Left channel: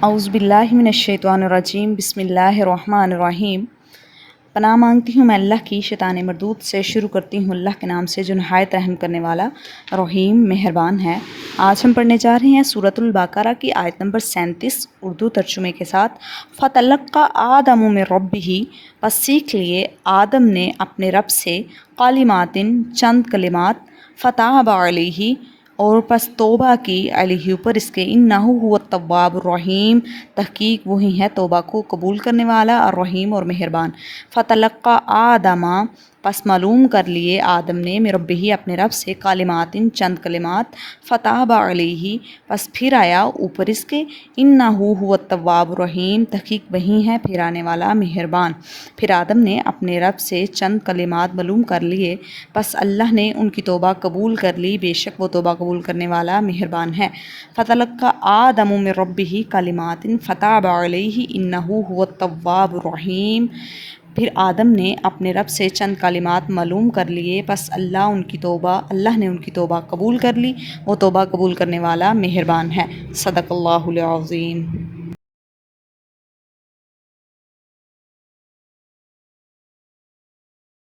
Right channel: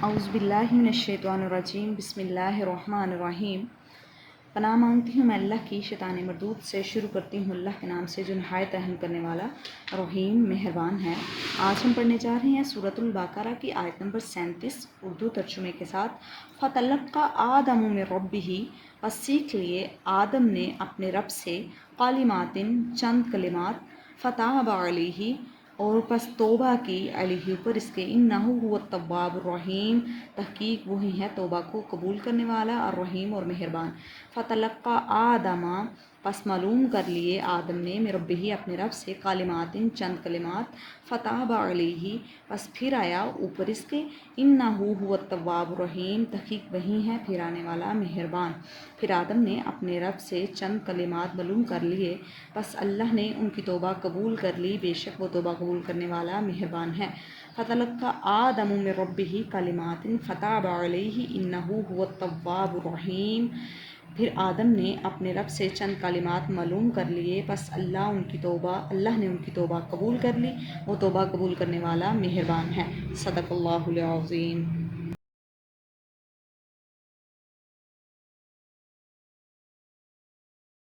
اعوذ باللہ من الشیطان الرجیم، بسم اللہ الرحمن الرحیم۔ پناہ مانگتی ہوں میں اللہ کی شیطان مردود سے۔ شروع کرتی ہوں اللہ کے نام سے جو نہایت رحم کرنے والا رحیم مہربان ہے۔ آج ہم پڑھنے جا رہے ہیں سورۃ البقرہ کی آیت نمبر 37 اردو ترجمے کے ساتھ۔ فَتَلَقَّىٰ آدَمُ مِن رَبِّهِ، پس سیکھ لیے آدم نے اپنے رب سے، کلماتٍ چند کلمات، فَتَابَ عَلَيْهِ اور پس توبہ کی، علیہ اوپر اس کے، انہ هو التواب الرحیم، تحقیق وہی ہے توبہ کو قبول کرنے والا، الرحیم اور مہربان۔ فتلقى آدم، پس معلوم کر لیے آدم نے، من ربہ اپنے رب سے، کلمات چند کلمات، فتاب علیہ پس پھر آیا اوپر اس کے، انہ هو التواب الرحیم، تحقیق وہی ہے پھرانے والا مہربان۔ پھر آدم نے اپنے رب سے چند کلمات معلوم کر لیے، پس اللہ نے ان کی توبہ قبول کر لی، بے شک وہ توبہ قبول کرنے والا مہربان ہے۔ فَتَلَقَّىٰ آدَمُ مِن رَبِّهِ كَلِمَاتٍ فَتَابَ عَلَيْهِ إِنَّهُ هُوَ التَّوَّابُ الرَّحِيمُ۔ پھر آدم نے اپنے رب سے چند کلمات معلوم کر لیے، پس اللہ نے ان کی توبہ قبول کر لی، وہ توبہ قبول کرنے والا مہربان ہے۔ صدق اللہ العظیم۔